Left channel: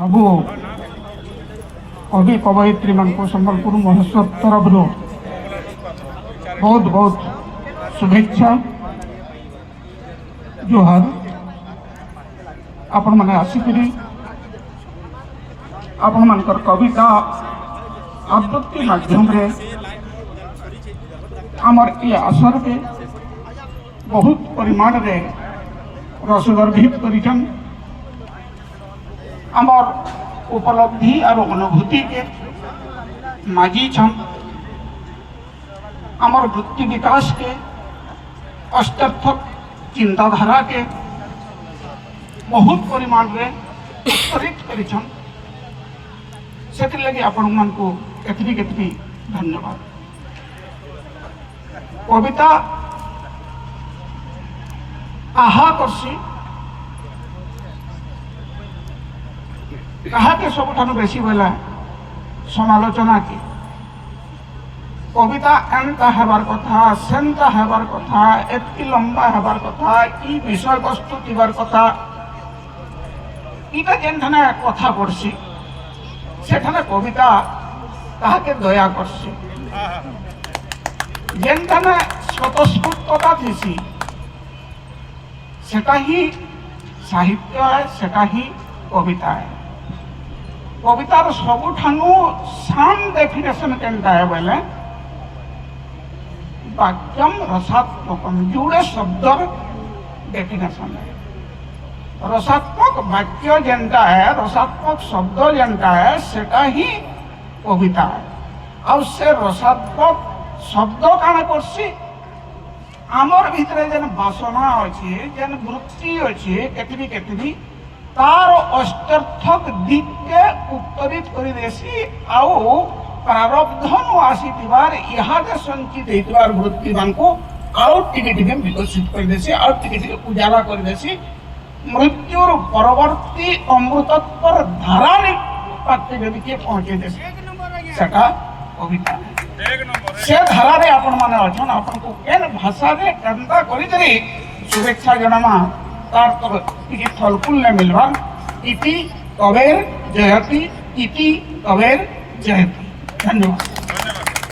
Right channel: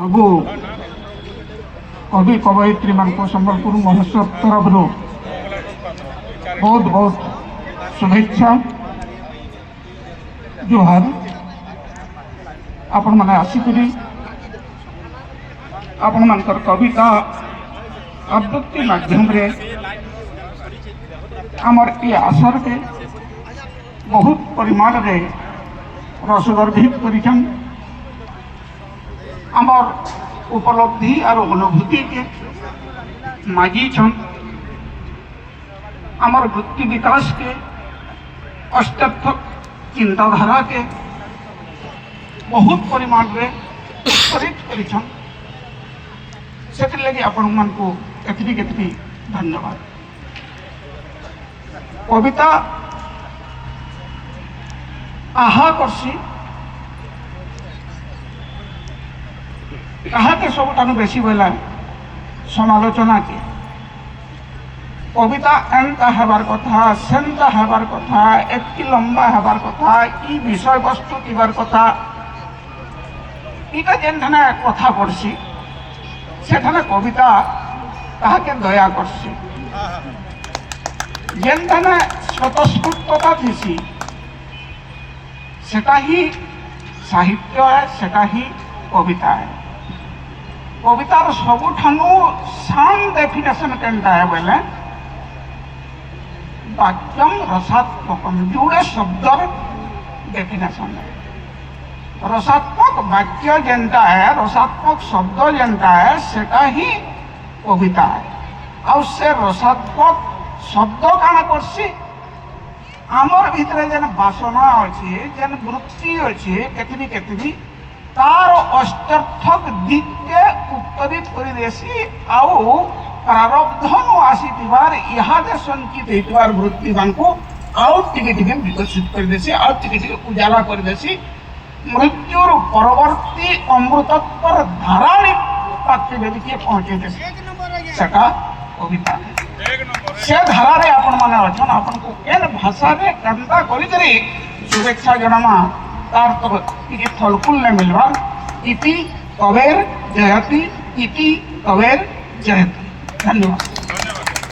सबू कवि कवयित्री मान संबलपुर महोत्सव तरफ बहुत बहुत शुभेच्छा जोहार। आपण मैंने आसिकी आपण मानकर कविता आवृत्ति माध्यम रे आमर ये आशा के बहुत परिमाण रे रसगर्भित करिछन। आमर उपलब्धि और अनुभूति के माजी छन। आमर वृत्ति विकास के अष्टार्थक चिंताधारा के बहुत परिमाण रे उत्प्रेरित करिछन। से लगे आपण मन को केतरी केतरी धन्यवाद। कविता आहा करसी कहा के सब बेसी बोला समालोचना के कविता एंता हेबार कथा सेंता हेबार कथा एति लंबा हेबार कथा ई विषय वस्तु थिबार कथा इटा जेनथाने कथा पड़सी सेठाने कविता ताहाके दया करसी। जेनथाने स्वतःस्फूर्तता थीसी सेटा ही साहित्य है, सेटा ही कविता है। कवितार सबुठानु सान डेफिनेशन केनता है बोले वाक्यम रसात्मकम जोड़े शब्दर डेफिनेशन है। रसात्मक वाक्य जेनता है, रसात्मक शब्द जेनता है सेटा ही कविता है। और से रसात्मक शब्द काना करसी आमर भितरे जेन वासना अच्छी जेन वृत्ति अच्छी केतरी केतरी तार अष्टार्थक दिक के उत्तरित कर देसी आउ प्रारब्धनु आसीथिबार इहादे संचित हेतिबार वृत्ति बांको आउ टिके टिके विकसित कर देसी आउ टिके टिके उजाला कर देसी। मृत्युर परवर्ती अमृतत्वर धाराणी पात्र यदि के पहुंचे देसी सेटा कविता से धारा रे आपण माने अछन। आपण को केन भाषा रे कंता करि करी शुभेच्छा जनामा तार तो टिके फलफुल ने मिलवा। इति कवेर जयति, इति कवेर जयति। धन्यवाद।